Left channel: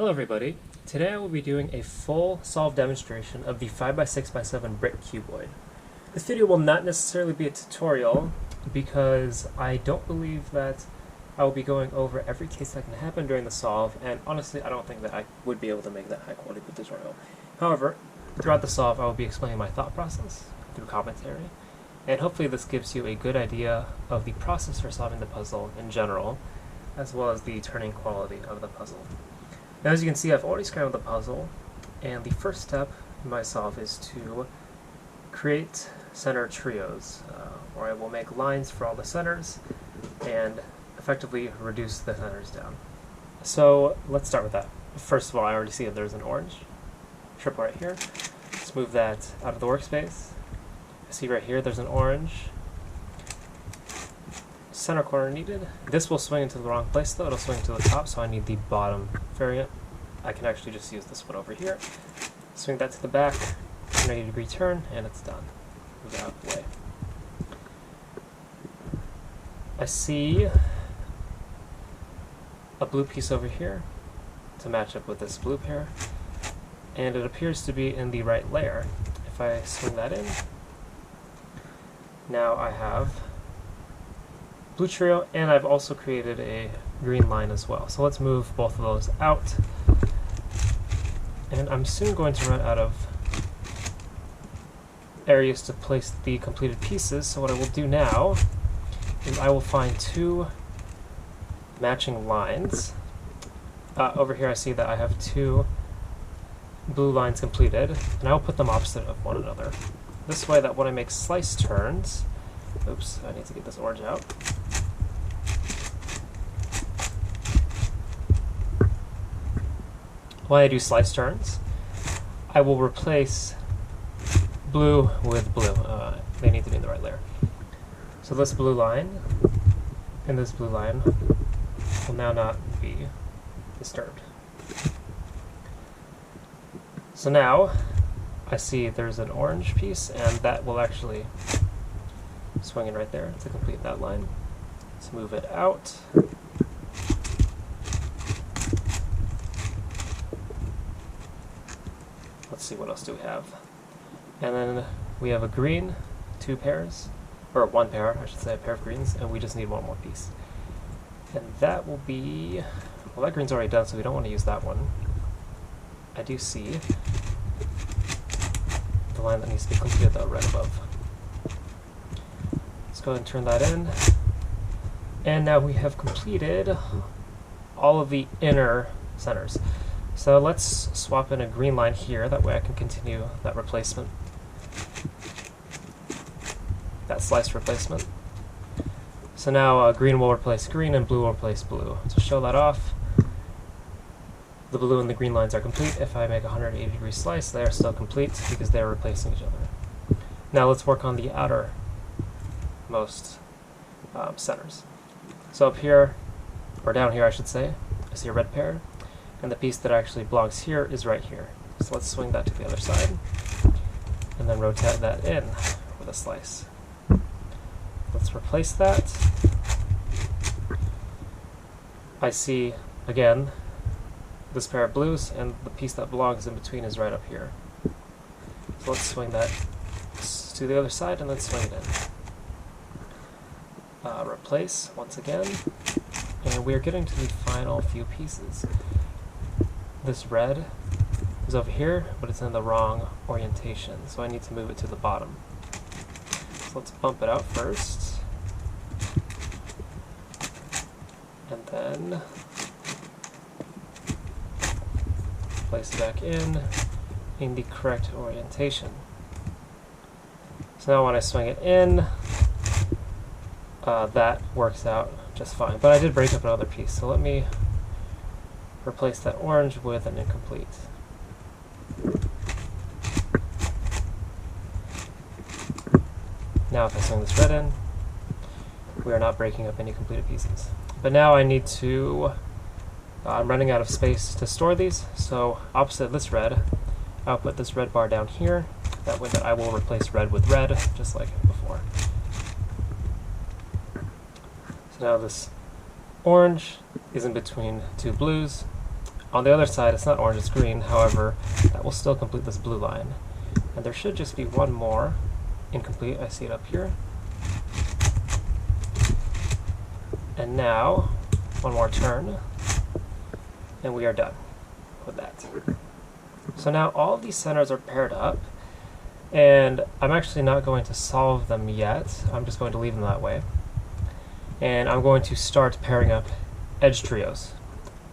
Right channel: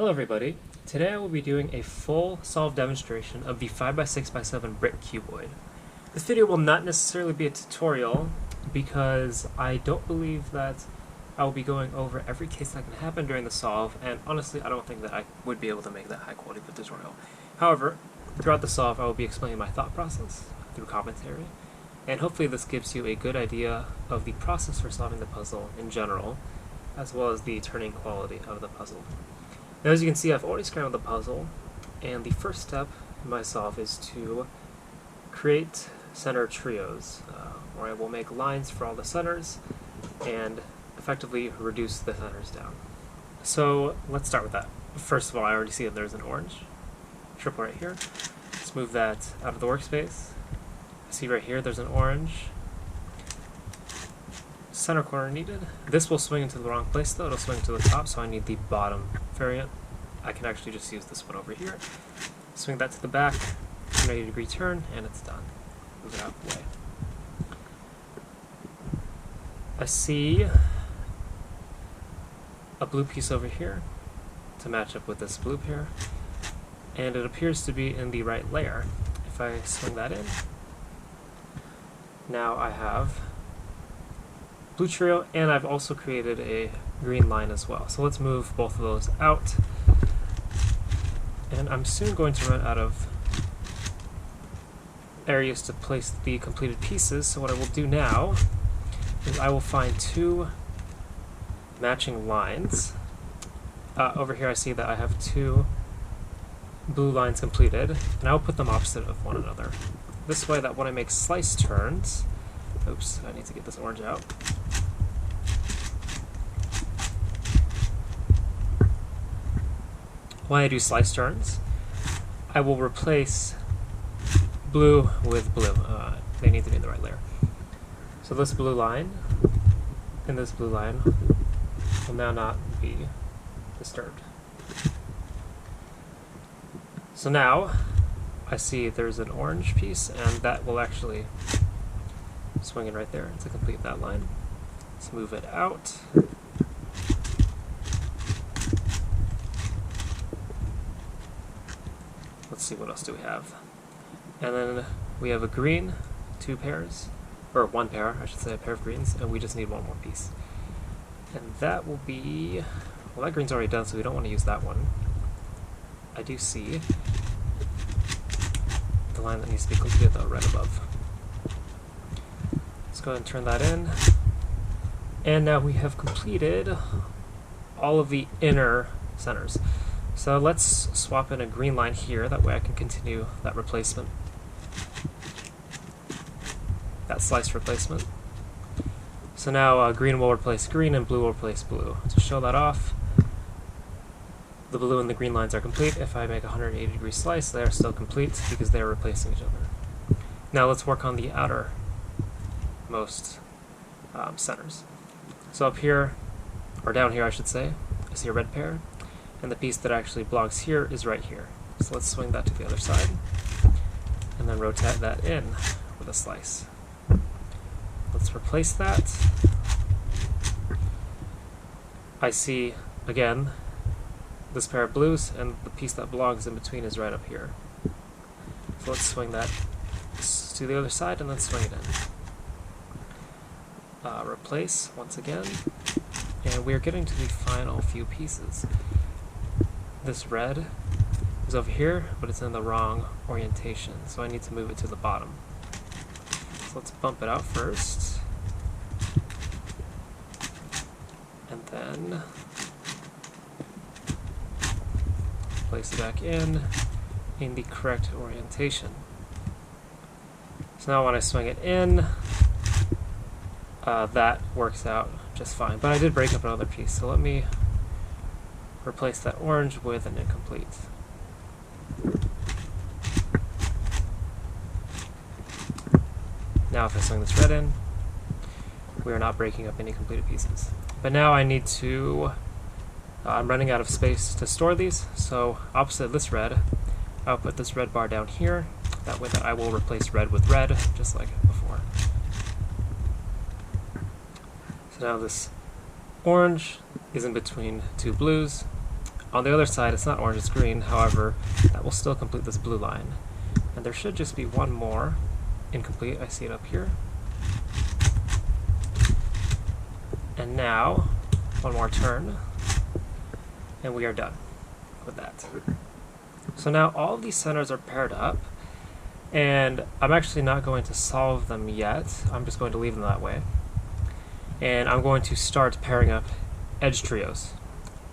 Hello everybody. Today I will be doing a full solve demonstration of the 5x6x7 brick cuboid. This video will not necessarily be a tutorial because I don't believe that I will be going over every case that can happen during the solve, and honestly I don't think that I would be able to make that high quality of a tutorial. However, throughout the solve I will be explaining my thought process through commentary, and hopefully this gives you a good idea of the process for solving the puzzle in general, as well as the turning quality of the puzzle. Now, as you can see, I've already scrambled the puzzle, and the first step in my solve is to create center trios, where I will make lines for all the centers and effectively reduce the centers down. So let's start with that. First of all, I already see that there's an orange triple right here. Let's move that out of the workspace. I see right here there's an orange. Center corner needed. This will swing into the wrong place though, it'll swing to the top, so I need the bottom variant. I can actually just use this one over here. Swing that to the back, 180-degree turn, and it's done. Move it out of the way. I see a blue piece over here to match up with this blue pair, and it appears to be in the right layer. If I swing that in, now I have blue trio, and I've also created a green line as well. So let's move both of those out. And I'm soon going to run out of areas to place the completed pieces, so what I will do now is I will find two matching lines. Over here I see that I have two blue lines completed, and I will put them opposite of one another. This way that when I make slice turns, oops, I need to get this orange out. When I do slice turns, I will replace blue with blue. They need to be in the right layer. So this blue line and this blue line will now not be disturbed. So now I see there's an orange piece, and that will actually swing in right there to complete that line. Let's move it out. Let's see, what else do we have? And then we have a green, two pairs, or one pair, I should say, a pair of greens, and we just need one more piece. And that will be, well, that green's already done, so we don't want to use that one. I do see the line that needs to be completed though, right above. Let's go ahead and turn that in. And now we have completed all of the inner centers. So let's swap in a green line here, that way I can continue that replacement, that slice replacement. So now green will replace green and blue will replace blue. To show that off, the blue and the green lines are complete. If I make a 180-degree slice, they are still complete because they're replacing each other. Now let's work on the outermost centers. So up here, or down here I should say, I see a red pair, and the piece that actually belongs here is right here. So let's swing that to the other side, and then rotate that in with a slice. Let's replace that. I see, again, this pair of blues, and the piece that belongs in between is right up here. So let's swing that to the other side, and then swing it in. Replace once again, and we are getting to the final few pieces. This red is over here, but it's in the wrong orientation, so I need to move it to the bottom. So let's bump it out first, and then place it back in the correct orientation. So now when I swing it in, that works out just fine. But I did break up another piece, so let me replace that orange with an incomplete. Now if I swing this red in, we are not breaking up any completed pieces. But now I need to, I'm running out of space to store these, so opposite this red, I'll put this red bar down here. That way that I will replace red with red, just like before. So now this orange is in between two blues. on the other side, it's not orange, it's green. However, that will still complete this blue line. And there should just be one more incomplete. I see it up here. And now, one more turn, and we are done with that. So now all of these centers are paired up, and I'm actually not going to solve them yet. I'm just going to leave them that way. And I'm going to start pairing up edge trios.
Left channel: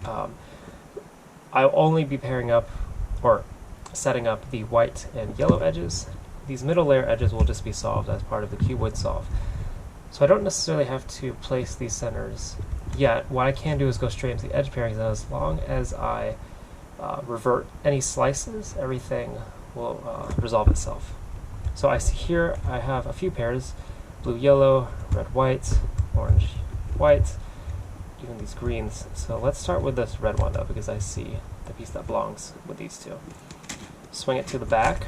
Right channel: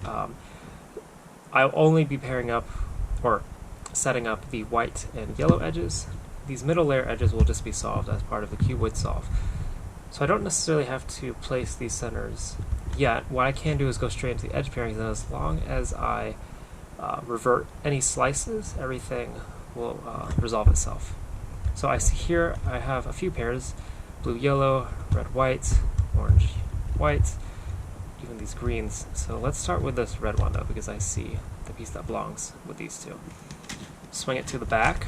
I'll only be pairing up, or setting up, the white and yellow edges. These middle layer edges will just be solved as part of the cuboid solve. So I don't necessarily have to place these centers yet. What I can do is go straight into the edge pairings, and as long as I revert any slices, everything will resolve itself. So I see here I have a few pairs: blue, yellow, red, white, orange, white, even these greens. So let's start with this red one though, because I see the piece that belongs with these two. Swing it to the back,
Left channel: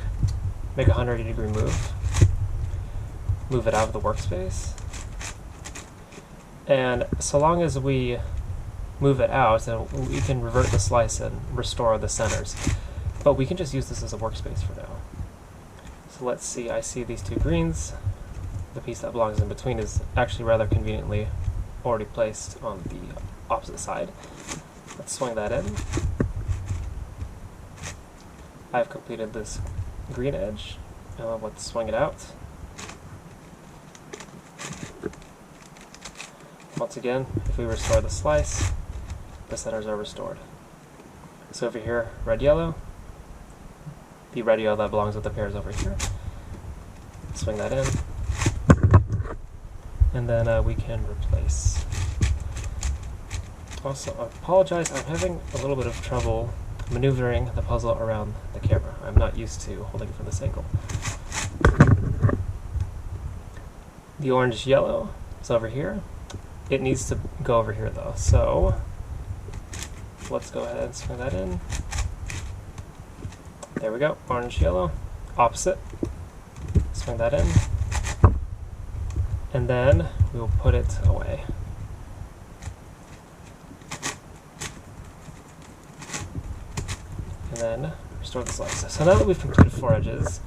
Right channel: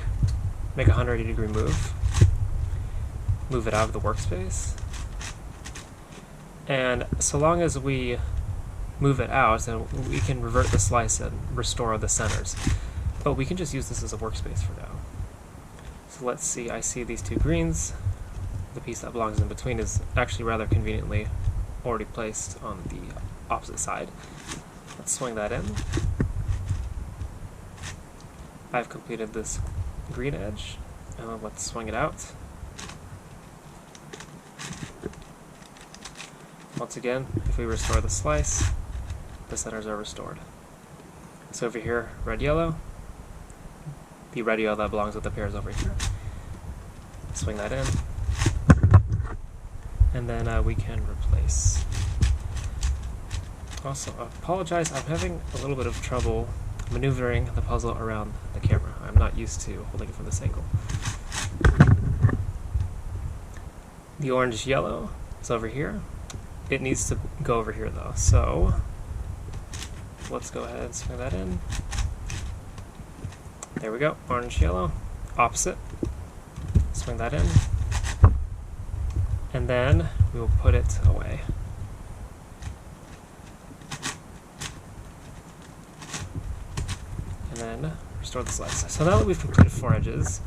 make a 180-degree move, move it out of the workspace, and so long as we move it out, then we can revert the slice and restore the centers. But we can just use this as a workspace for now. So let's see, I see these two greens. The piece that belongs in between is actually rather conveniently already placed on the opposite side. Let's swing that in. I've completed this green edge. Let's swing it out. Once again, if we restore the slice, the centers are restored. So over here, red, yellow. The red, yellow that belongs with the pairs over here. Swing that in. And then we can replace. Also, I apologize, I'm having a little bit of trouble maneuvering the puzzle around the camera. I'm not used to holding it from this angle. The orange yellow is over here. It needs to go over here though, so let's go ahead and swing that in. There we go, orange yellow, opposite. Swing that in. And then we will put it away. And then restore the slice. So now that we've completed 4 edges,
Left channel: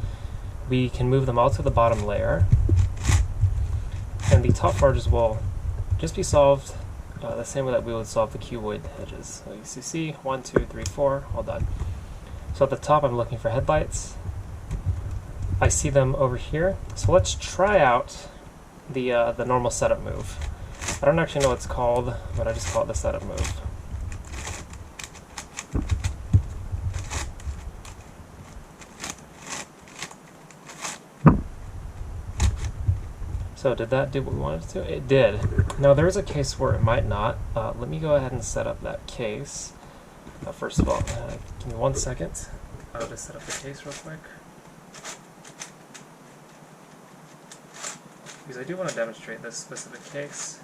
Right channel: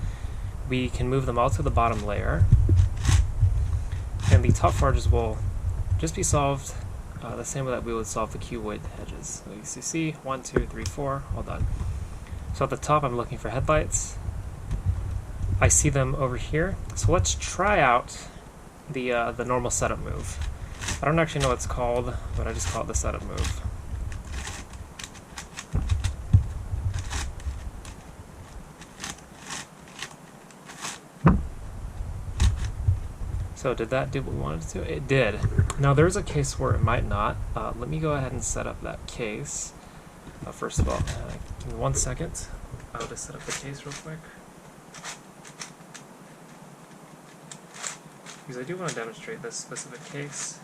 we can move them all to the bottom layer. And the top 4 edges will just be solved the same way that we would solve the cuboid edges. So you see 1, 2, 3, 4, all done. So at the top I'm looking for headlights. I see them over here. So let's try out the normal setup move. I don't actually know what it's called, but I just call it the setup move. So did that do what we wanted it to? It did. Now there is a case where it might not. Let me go ahead and set up that case. First of all, give me 1 second. I'll just set up the case real quick. Because I do want to demonstrate this specific case.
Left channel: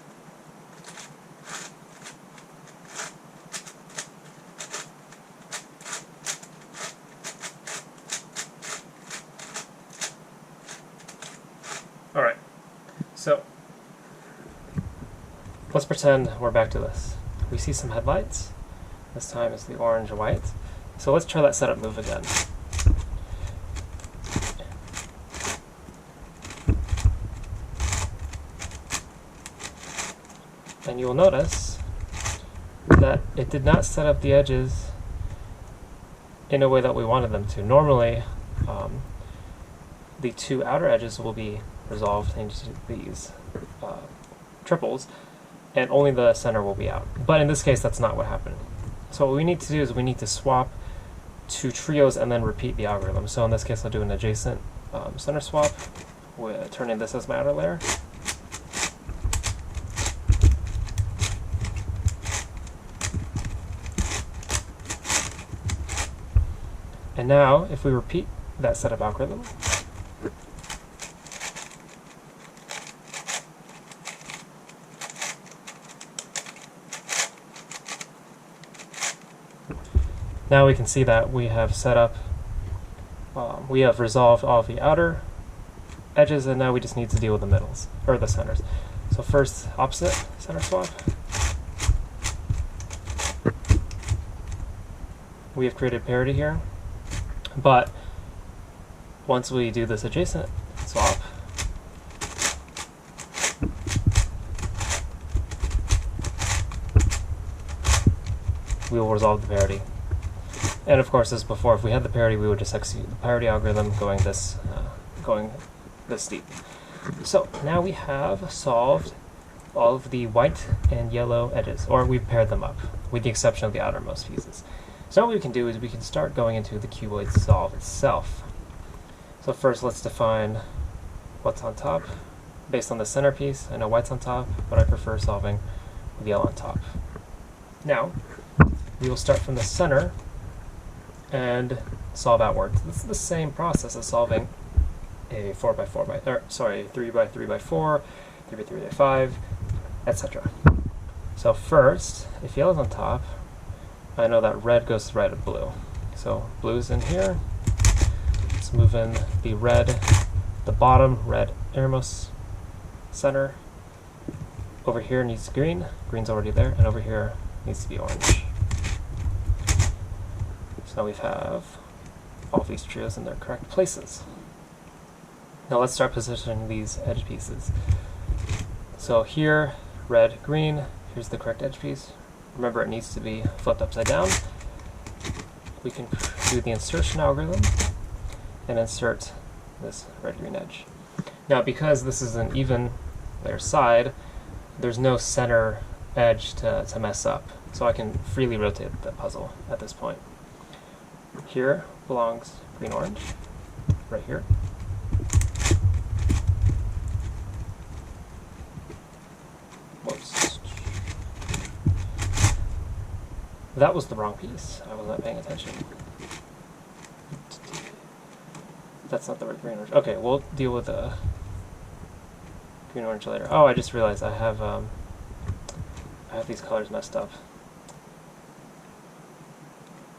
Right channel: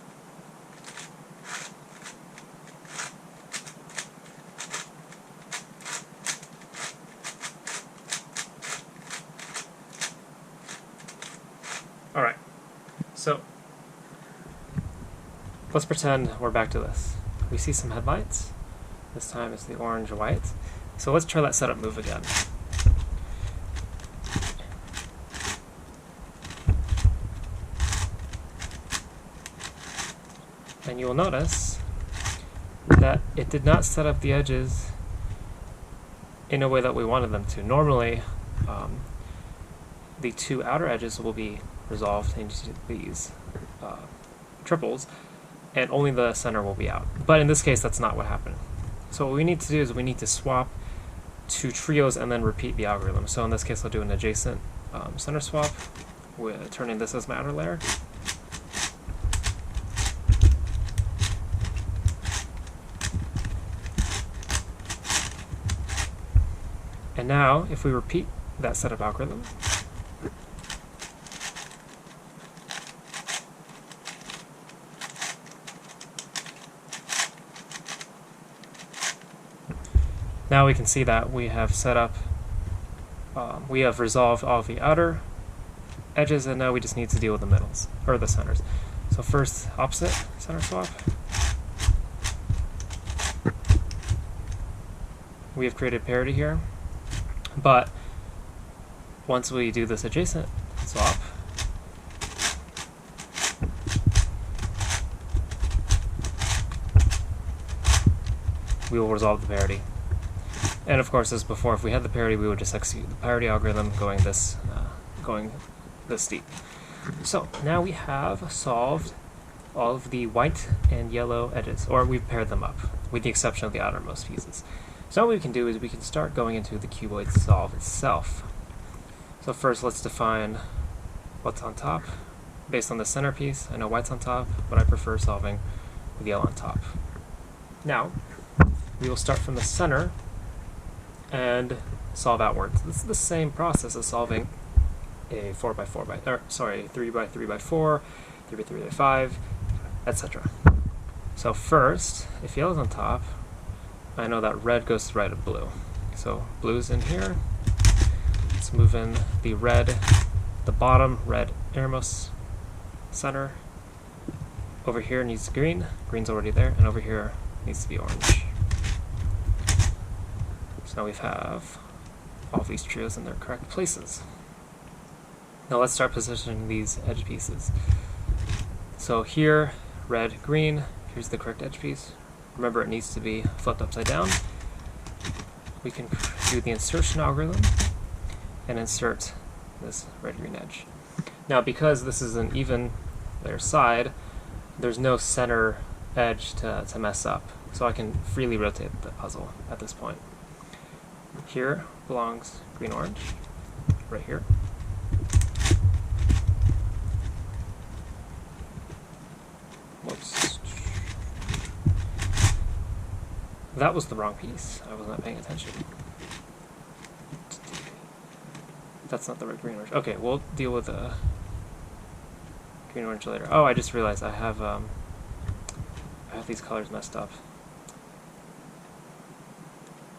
Alright, so let's pretend we're back to this. We see some headlights. This time it's the orange-white. So let's try that setup move again. And you'll notice that it did not set up the edges in a way that we wanted them to. Normally, the 2 outer edges will be resolved into these triples, and only the center will be out. But in this case, that's not what happened. So what we need to do is we need to swap 2 trios and then repeat the algorithm. So in this case, I'll do an adjacent center swap, turning this as my outer layer. And now, if we repeat that setup algorithm, now we can see that we have set up, we have resolved all of the outer edges, and now we just need to deal with the middles, or the centers. So first, opposite center swap. we have created parity here, but once we do this adjacent swap, we will resolve the parity. And of course, as before, if we had the parity, we would just execute the parity algorithm going this deep. So now we have solved all of the white and yellow edges, or we've paired them up, with the exception of the outermost pieces. So what we can do is we can start going into the cuboid solve itself. So first, let's define what's on top. Based on the centerpiece, I know white's on top, but I prefer solving with yellow on top. Now, we will start from the center and solve outwards. This is the same process as solving a 3x3x4, 3x3x5, etc. So first, if yellow's on top, I know that red goes to the right of blue. So blue's in here. Let's move in the red, the bottom red innermost center. Over here needs green, green's already there, and over here needs to be orange. So now we have all of these trios in their correct places. Now let's start positioning these edge pieces. So here, red, green, here's the correct edge piece. Remember, it needs to be flipped upside down. We can do the insertion algorithm and insert this red-green edge. Now, because this is an even layer side, there's no center edge to mess up, so I can freely rotate the puzzle at this point. Here belongs green-orange, right here. Whoops. That was the wrong piece. I was not paying attention. That's not the right green-orange. Okay, we'll deal with the green-orange later. Oh, I just realized I have these colors messed up.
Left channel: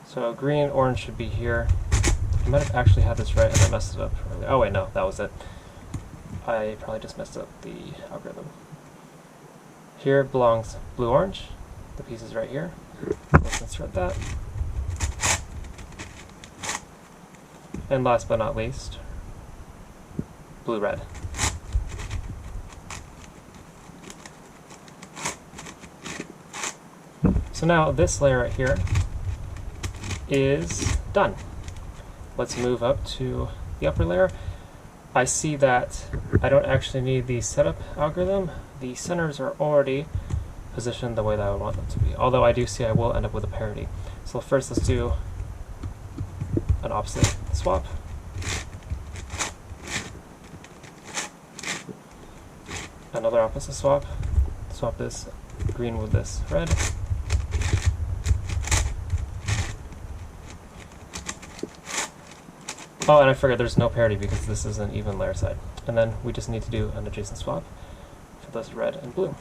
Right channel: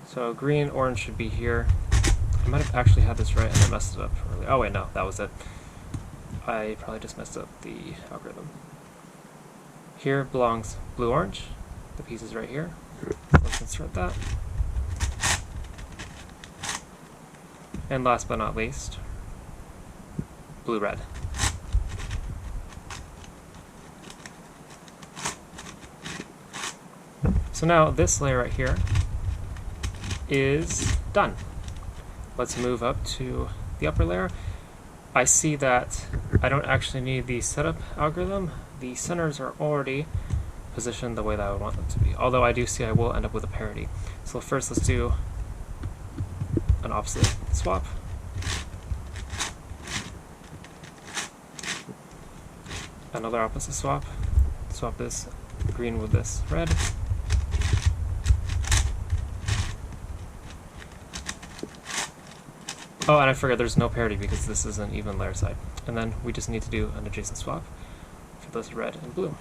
So green-orange should be here. I might have actually had this right and I messed it up earlier. Oh wait, no, that was it. I probably just messed up the algorithm. Here belongs blue-orange. The piece is right here. Let's insert that. And last but not least, blue-red. So now this layer right here is done. Let's move up to the upper layer. I see that I don't actually need the setup algorithm. The centers are already positioned the way that I would want them to be. Although I do see I will end up with a parity. So first let's do an opposite swap. Another opposite swap. Swap this green with this red. Oh, and I forgot there's no parity because this is an even layer side. And then we just need to do an adjacent swap for this red and blue.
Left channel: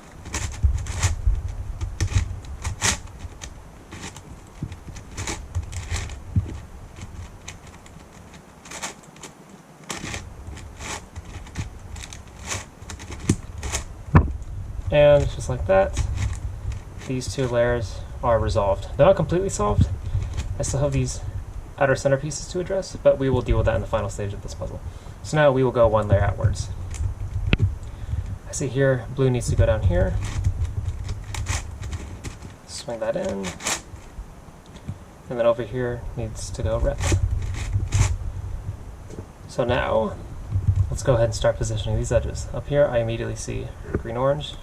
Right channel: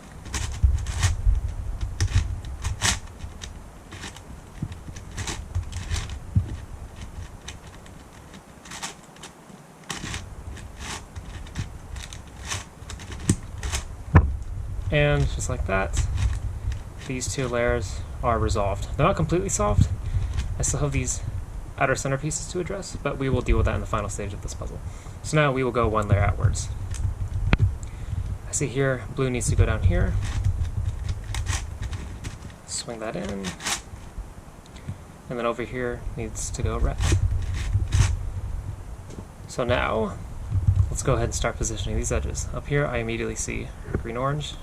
And just like that, these two layers are resolved. They're not completely solved. I still have these outer centerpieces to address, but we will deal with that in the final stage of this puzzle. So now we will go one layer outwards. I see here blue needs to go down here. Swing that in. And then over here needs to go red. So now, let's go ahead and start positioning these edges. Up here I immediately see green-orange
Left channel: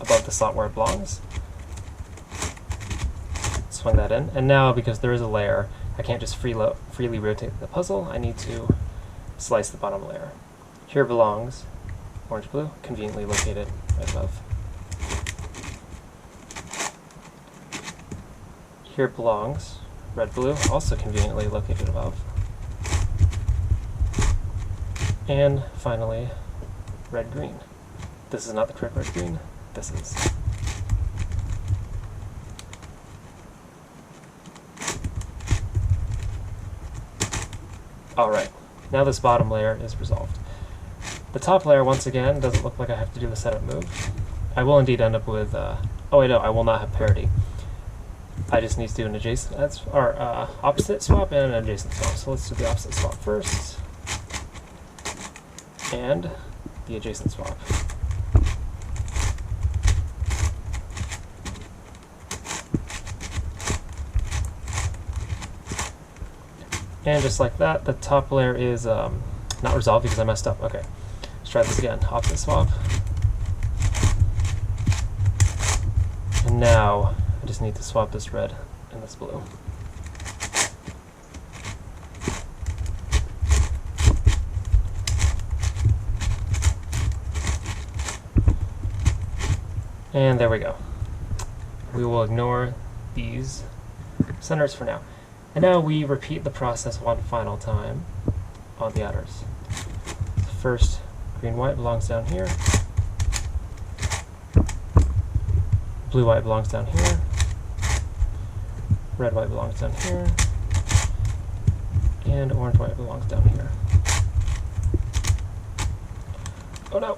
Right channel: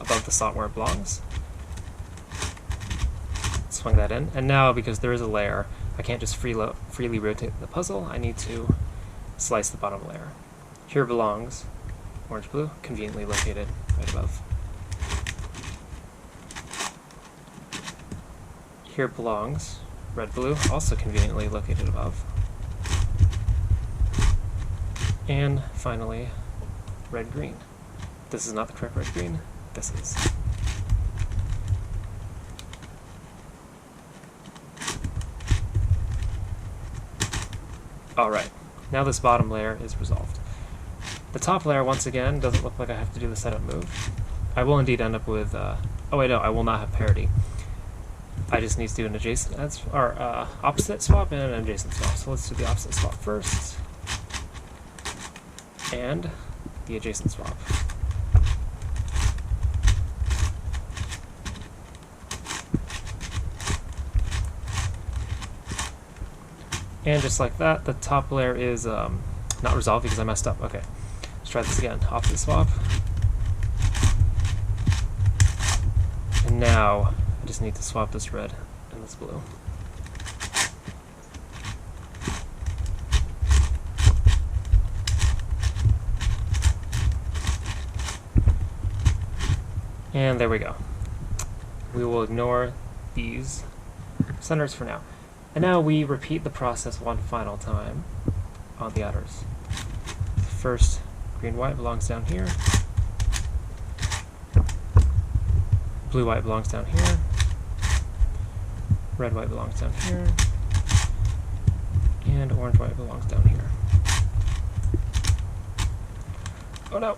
above the slot where it belongs. Swing that in, and now because there is a layer, I can't just freely rotate the puzzle. I need to slice the bottom layer. Here belongs orange-blue, conveniently located right above. Here belongs red-blue, also conveniently located above. And finally, red-green. This is not the correct red-green, this is. Alright, now this bottom layer is resolved. The top layer, once again, doesn't look like I have to do the setup move. I will indeed end up with, oh wait, no, I will not have parity. I just need to do an adjacent or opposite swap and an adjacent swap. So let's do the opposite swap first, and the adjacent swap. And just like that, the top layer is not resolved because I messed up. Okay, let's try this again. Opposite swap. And now I just need to swap this red and this blue. And there we go. We will ignore these centers for now. And now we repeat the process one final time on the outers. First, green-white belongs down here. Blue-white belongs down here. Red-white belongs down here. And orange-white belongs down here. Oh no!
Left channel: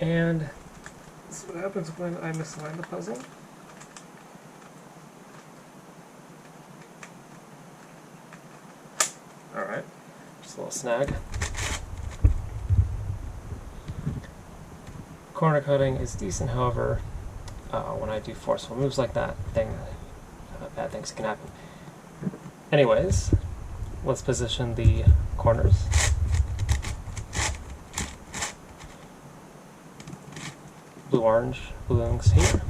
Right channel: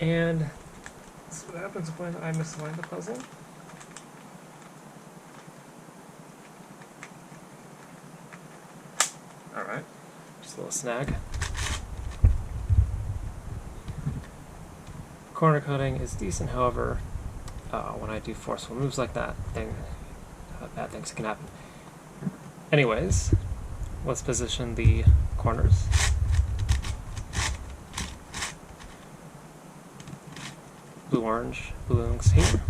And this is what happens when I misalign the puzzle. Alright, just a little snag. Corner cutting is decent, however, when I do forceful moves like that, bad things can happen. Anyways, let's position the corners. Blue-orange belongs here.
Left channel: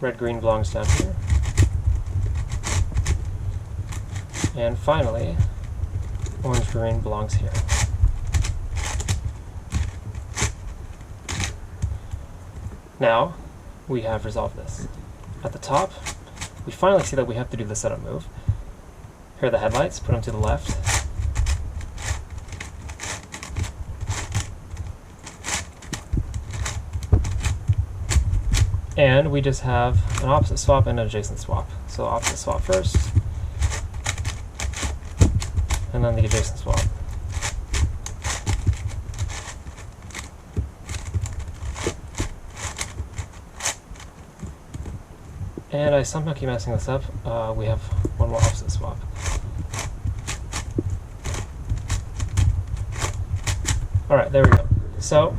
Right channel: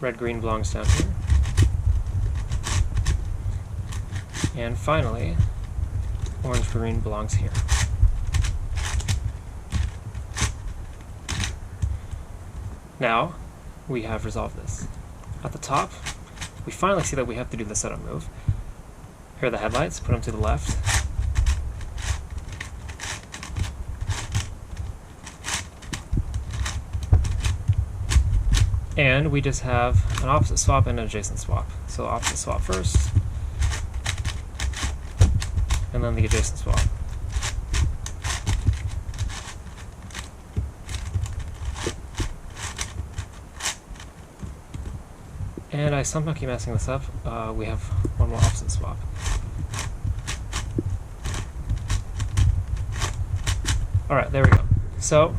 Red-green belongs down here. And finally, orange-green belongs here. Now, we have resolved this. At the top, we finally see that we have to do the setup move. Here are the headlights, put them to the left. And we just have an opposite swap and an adjacent swap. So opposite swap first, and then the adjacent swap. And I somehow keep messing this up. We have one more opposite swap. Alright, there we go. So,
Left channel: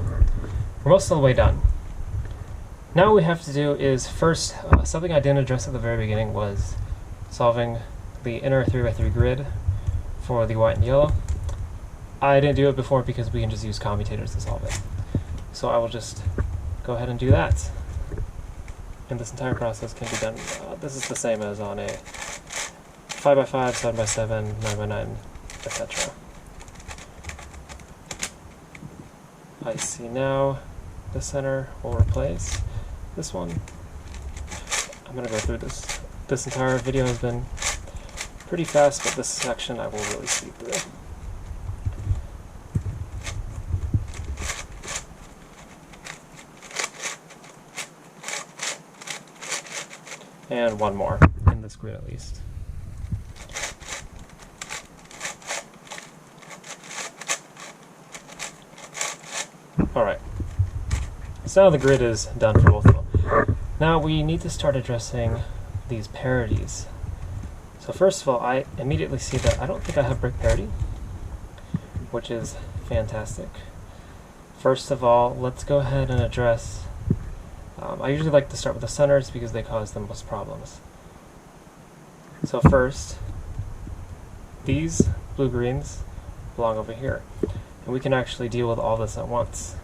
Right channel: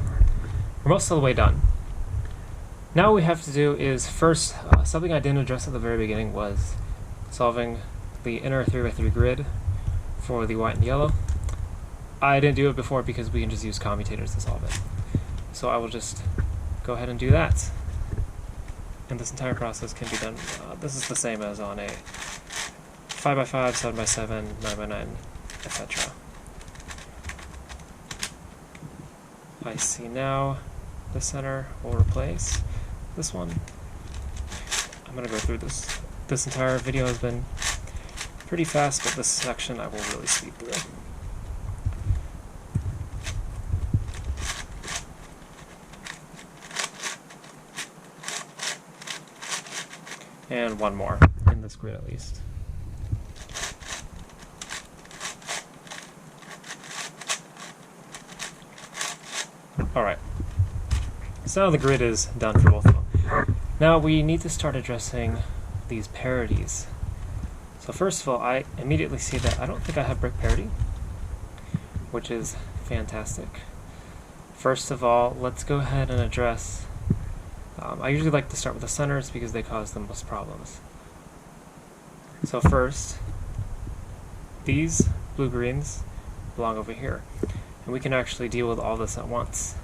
we're most of the way done. Now what we have to do is first, something I didn't address at the very beginning was solving the inner 3x3 grid for the white and yellow. I didn't do it before because we can just use commutators to solve it. So I will just go ahead and do that. And this entire process can be done, this is the same as on a 5x5, 7x7, 9x9, etc. I see now the center will replace this one. I'm going to go through this. This entire video has been pretty fast, but this section I will really speed through. And one more, in this grid at least. Alright, so now the grid is done for both of them. Now we need to start addressing these parities. So first of all, I immediately see that I don't think I have brick parity, which is fantastic. First of all, let's go ahead and address, I usually like to start with the centers because they cause the most problems. So first, these blue-greens belong over here, and we can actually deal with all this at once.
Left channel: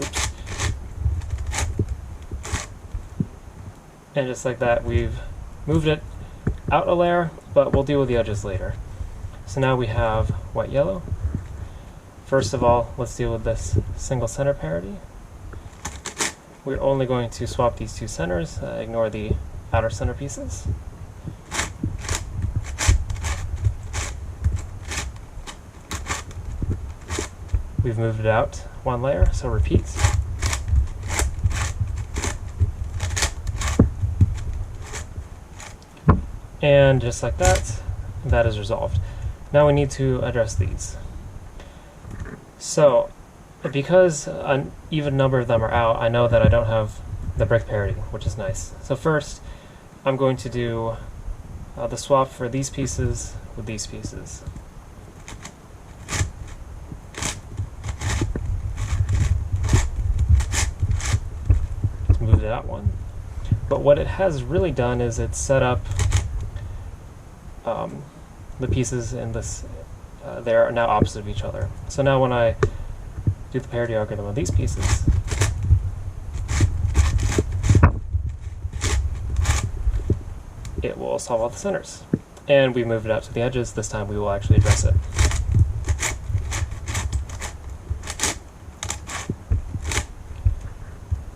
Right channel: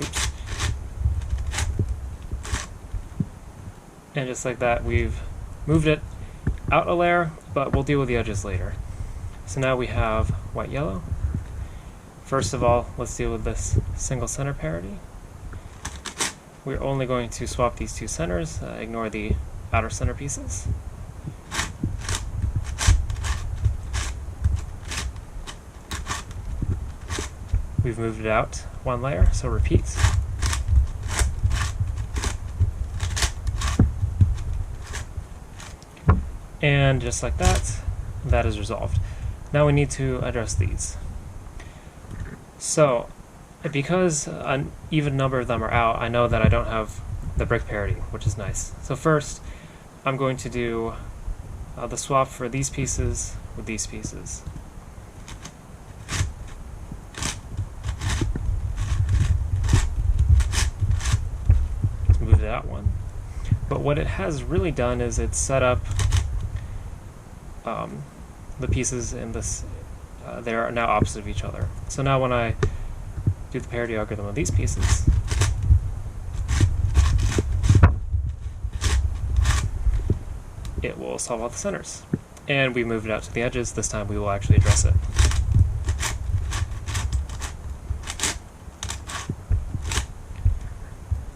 Oops. And just like that, we've moved it out a layer, but we'll deal with the edges later. So now we have white-yellow. First of all, let's deal with this single center parity. We're only going to swap these two centers, ignore the outer center pieces. We've moved it out one layer, so repeat. And just like that, that is resolved. Now we need to address these. So, because an even number of them are out, I know that I don't have the brick parity, which is nice. So first, I'm going to do the swap for these pieces with these pieces. To move that one. But what it has really done is it's set up the pieces in this, they are now opposite of each other. So now when I do the parity algorithm of these pieces, it will solve all the centers. And we move it out to the edges. This time we will actually address it.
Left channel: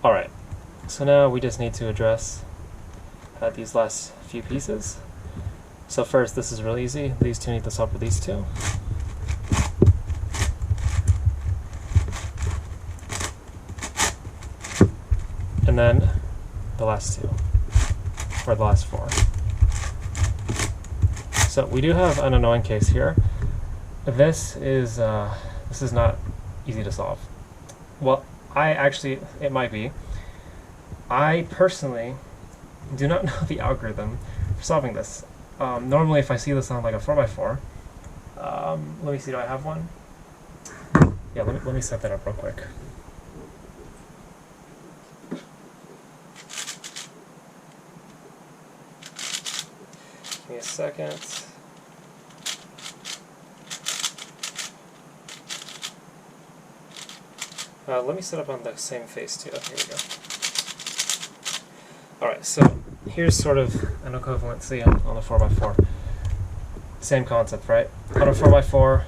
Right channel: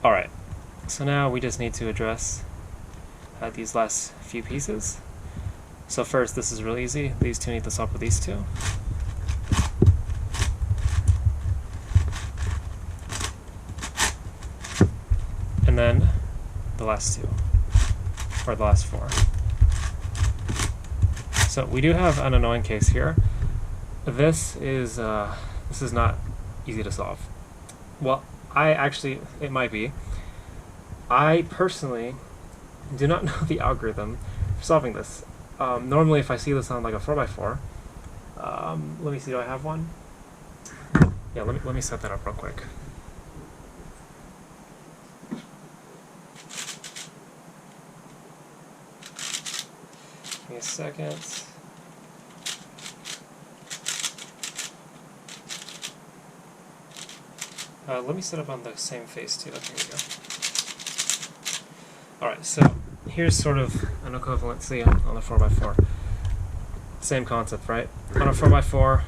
Alright, so now we just need to address these last few pieces. So first, this is really easy. These two need to swap with these two. And then the last two, or the last four. So we do have an annoying case here. This is not easy to solve. Well, it might be. I personally do not know the algorithm for solving this. Normally, if I see this on like a 4x4, let me see, do I have one? Yeah, let me set that up real quick. Give me a second. Let me set up on the same face too. Okay, here we go. Alright, so here's sort of an equivalency on a 4x4. Same concept, right? On a 4x4,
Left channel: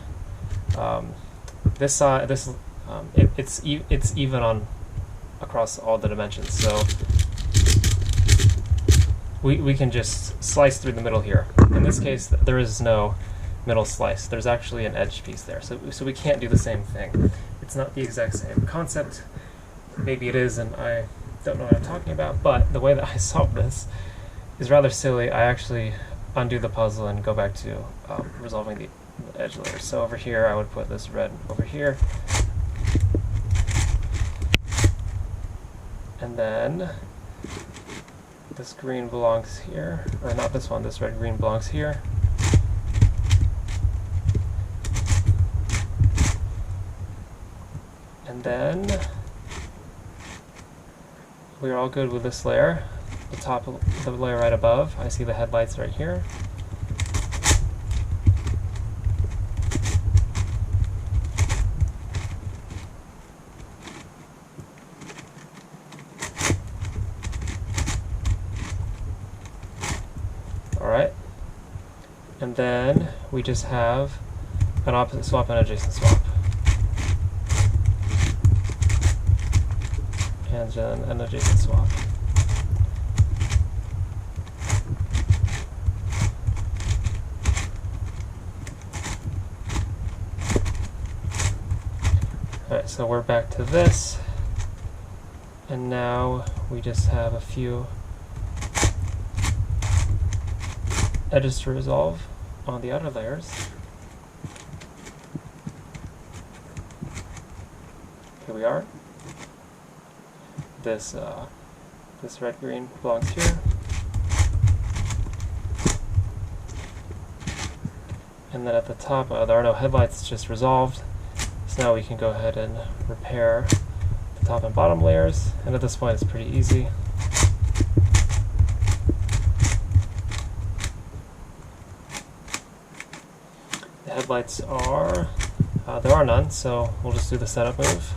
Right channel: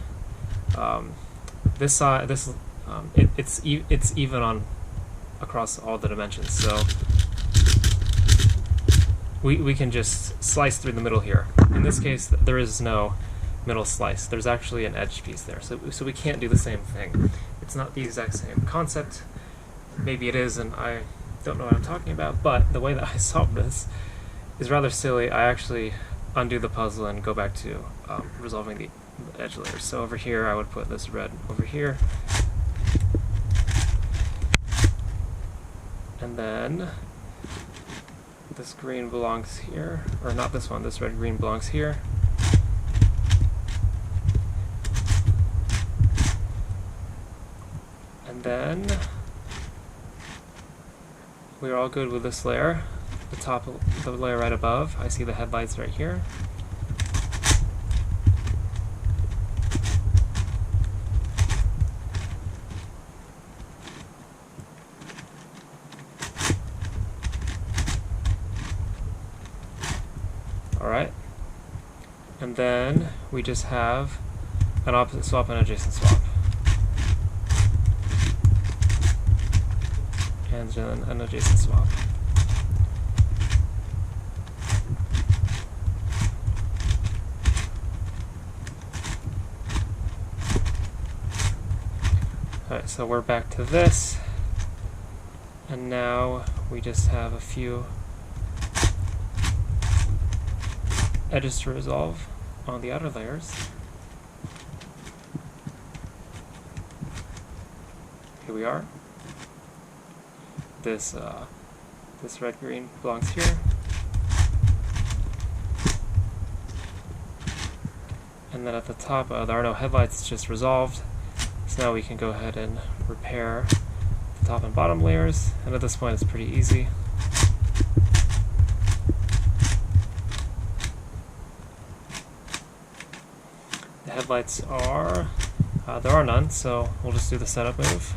this side, it's even on across all the dimensions. So we can just slice through the middle here. In this case, there is no middle slice. There's actually an edge piece there. So we can't do the same thing. It's not the exact same concept. Maybe it is, and I don't know what I'm talking about, but the way that I solve this is rather silly. I actually undo the puzzle and go back to resolving the edge layers. So over here, I would put this red over here. And then this green belongs here, or not this one, this red green belongs here. And then we're all good with this layer. The top of the layer right above, I see the headlights right here. Alright. And then we just have an opposite swap and adjacent swap. And then an adjacent swap. Alright, so we're back to this. And now we just have a few edges to resolve on the outer layers. Here we are. This red green belongs here. And then at the top, there are no headlights, it's just resolved. So now we can go ahead and repair the top and bottom layers. And at this point, it's pretty easy. The headlights are, there are none, so we'll just do the setup move.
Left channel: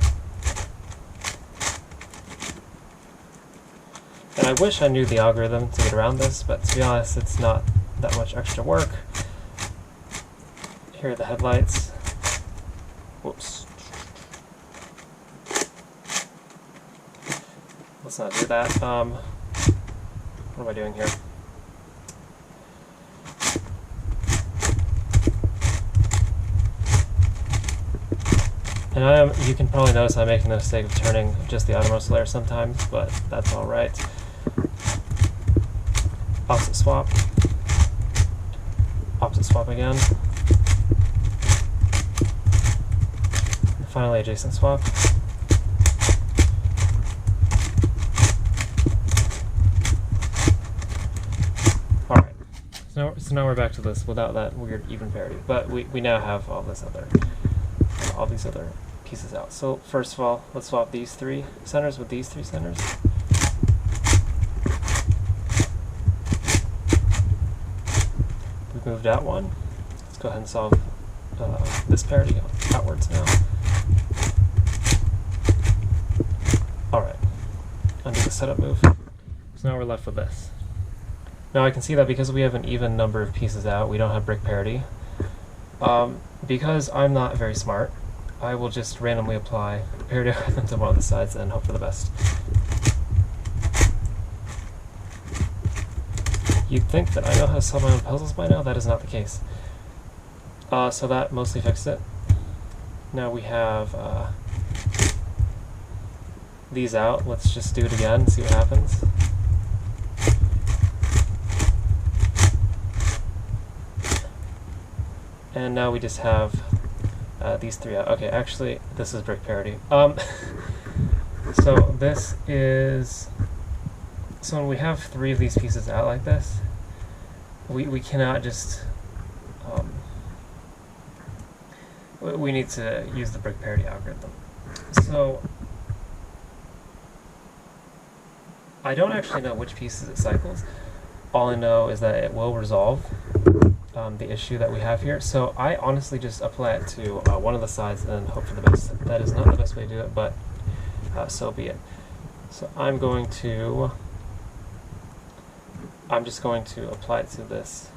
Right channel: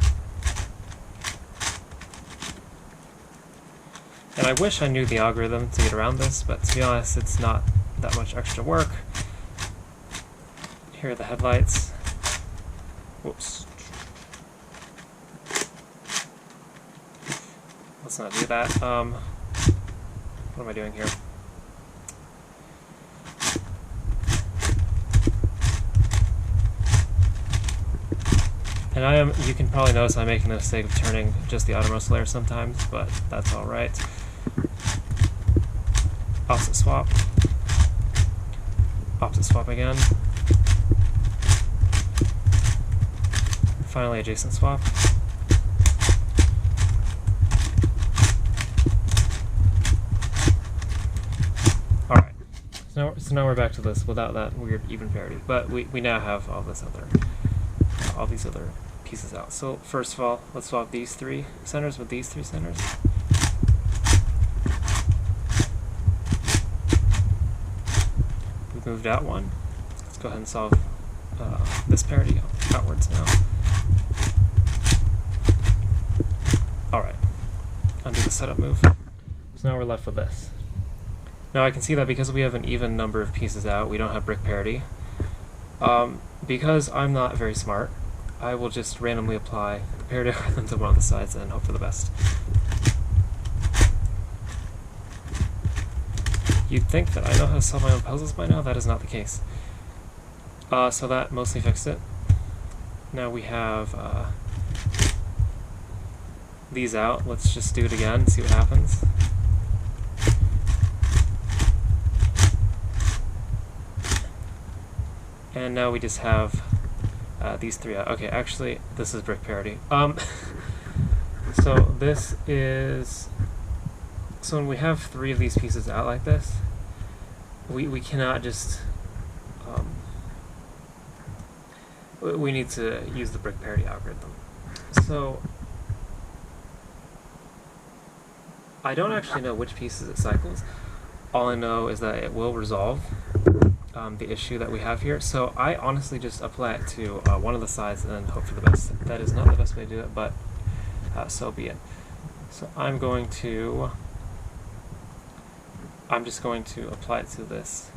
And I wish I knew the algorithm to get around this, but to be honest, it's not that much extra work. Here are the headlights. Whoops. Let's not do that. What am I doing here? And you can probably notice I'm making the mistake of turning just the outermost layer sometimes, but that's alright. Opposite swap. Opposite swap again. finally adjacent swap. Alright, so now we're back to this without that weird even parity, but we now have all these other pieces out. So first of all, let's swap these three centers with these three centers. We've moved out one. Let's go ahead and solve this parity outwards now. Alright, undo the setup move. So now we're left with this. Now I can see that because we have an even number of pieces out, we don't have brick parity. Because I'm not very smart, I will just randomly apply the parity algorithm to one of the sides and hope for the best. You'd think that I know how to solve my own puzzles by now. That is not the case. So that mostly fixed it. Now we have these out. Let's just do it again, see what happens. And now we just have these three out. Okay, actually, this is brick parity. So this is... So when we have three of these pieces out like this, we cannot just... we need to use the brick parity algorithm. So I don't actually know which pieces it cycles. All I know is that it will resolve the issue that we have here. So I honestly just apply it to one of the sides and hope for the best. That is not the best way to do it, but so be it. So I'm just going to apply it to this.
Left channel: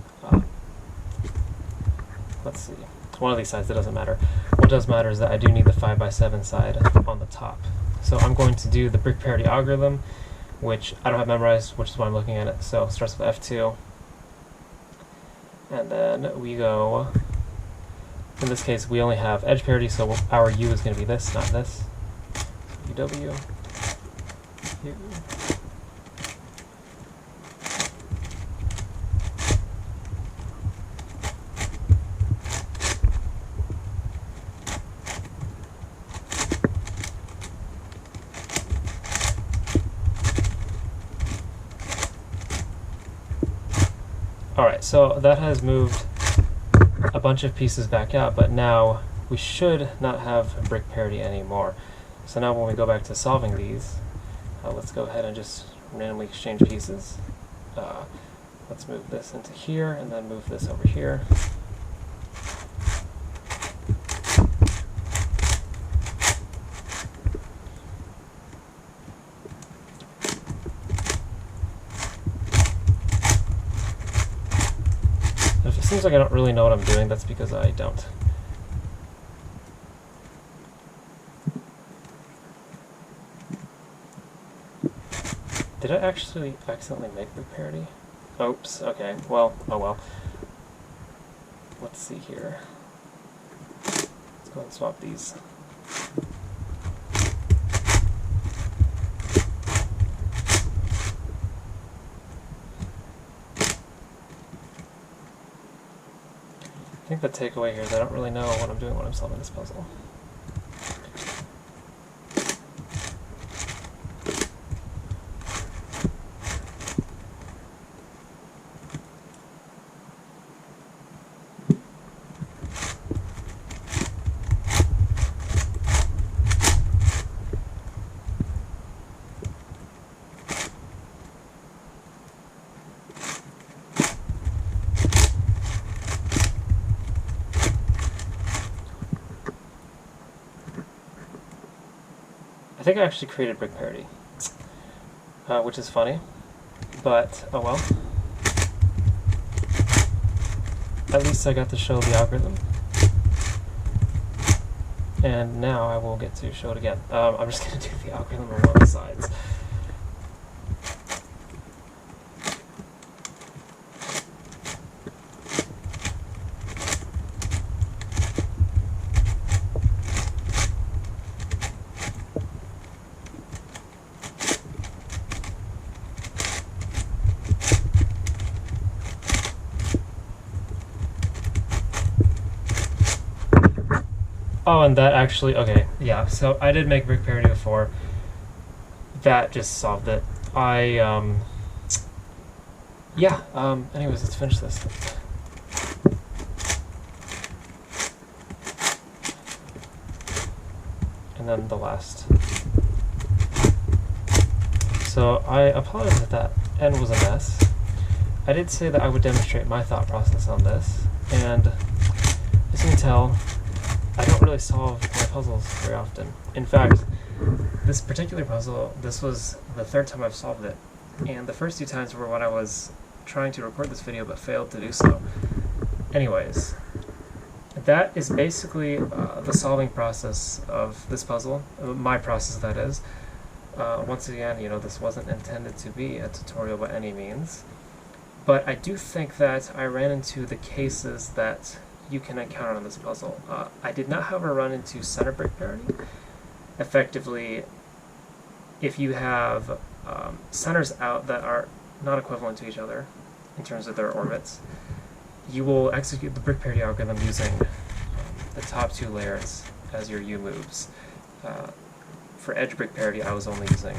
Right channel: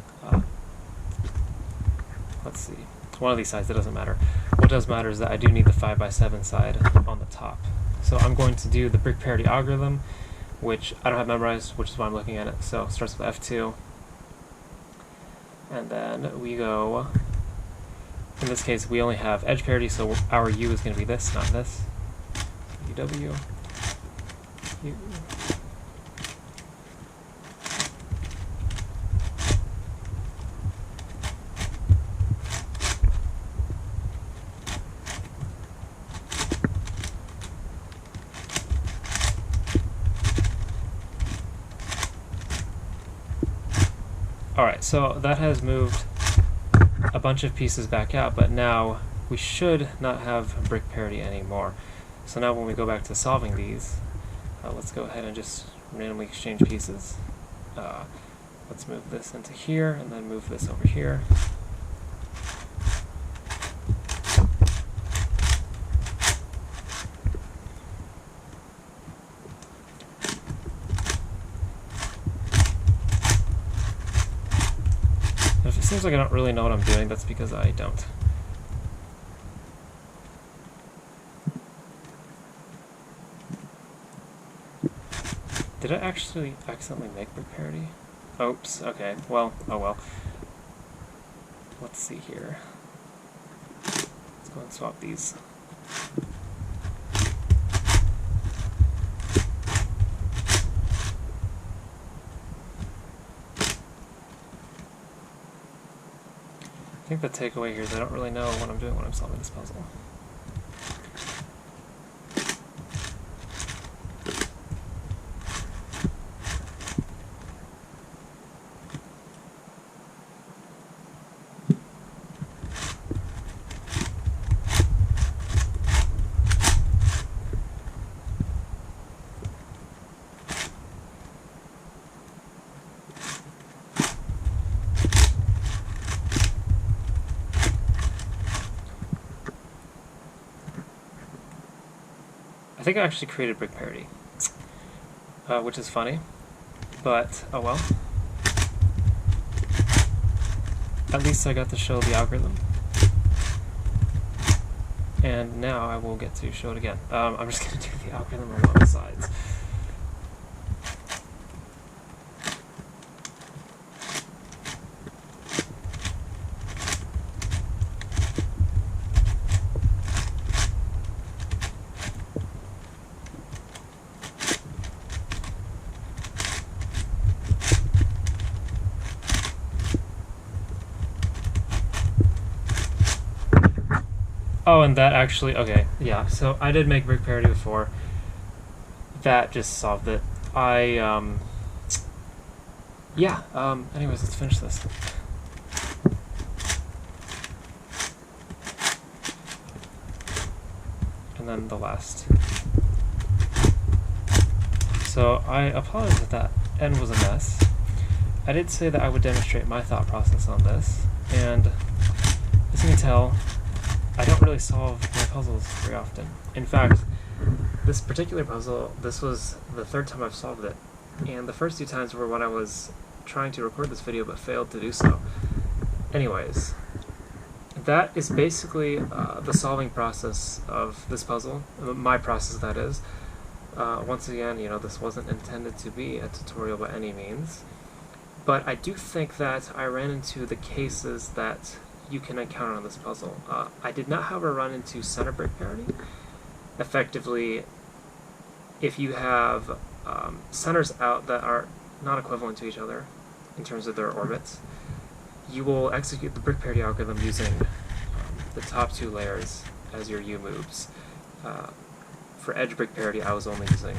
Let's see. It's one of these sides, that doesn't matter. What does matter is that I do need the 5x7 side on the top. So I'm going to do the brick parity algorithm, which I don't have memorized, which is why I'm looking at it. So it starts with F2. And then we go, in this case, we only have edge parity, so our U is going to be this, not this. Uw. U. Alright, so that has moved a bunch of pieces back out, but now we should not have brick parity anymore. So now when we go back to solving these, let's go ahead and just randomly exchange pieces. Let's move this into here, and then move this over here. If it seems like I don't really know what I'm doing, that's because I don't. Did I actually accidentally make brick parity? Oops, okay, well, oh well. Let's see here. Let's go ahead and swap these. I think the takeaway here is I don't really know what I'm doing when I'm solving this puzzle. I think I actually created brick parity, which is funny, but oh well. At least I got to show the algorithm. And now I will get to show it again. I'm just going to do the algorithm on one of the sides. Oh, and that actually, okay, yeah, so I did make brick parity before. That just solved it. Anyways, let's finish this. And then the last. So I apologize if that end was a mess. I did say that I would demonstrate my thought process on this, and as you can tell, I don't really solve my puzzles very often. In fact, this particular puzzle, this was the third time I've solved it, and the first two times were when I was trying to record this video but failed to do so. Anyways, that is basically the solving process of this puzzle, my process that is. Once again, this wasn't intended to be a tutorial by any means, but I do think that I ran into the cases that you can encounter on this puzzle. I did not, however, run into center brick parity. Effectively, if you have centers out that are not equivalent to each other in terms of their orbits, you will execute the brick parity algorithm using the top two layers as your U moves. For edge brick parity, I was only using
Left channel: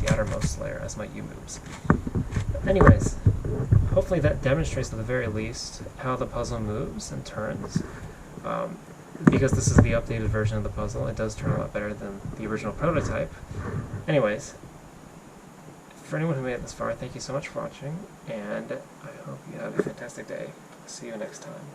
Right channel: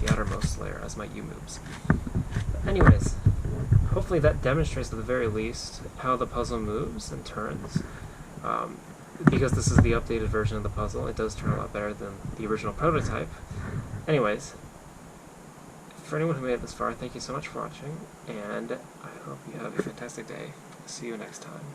the outermost layer as my U moves. But anyways, hopefully that demonstrates at the very least how the puzzle moves and turns. Because this is the updated version of the puzzle, it does turn a lot better than the original prototype. Anyways, for anyone who made it this far, thank you so much for watching, and I hope you have a fantastic day. See you next time.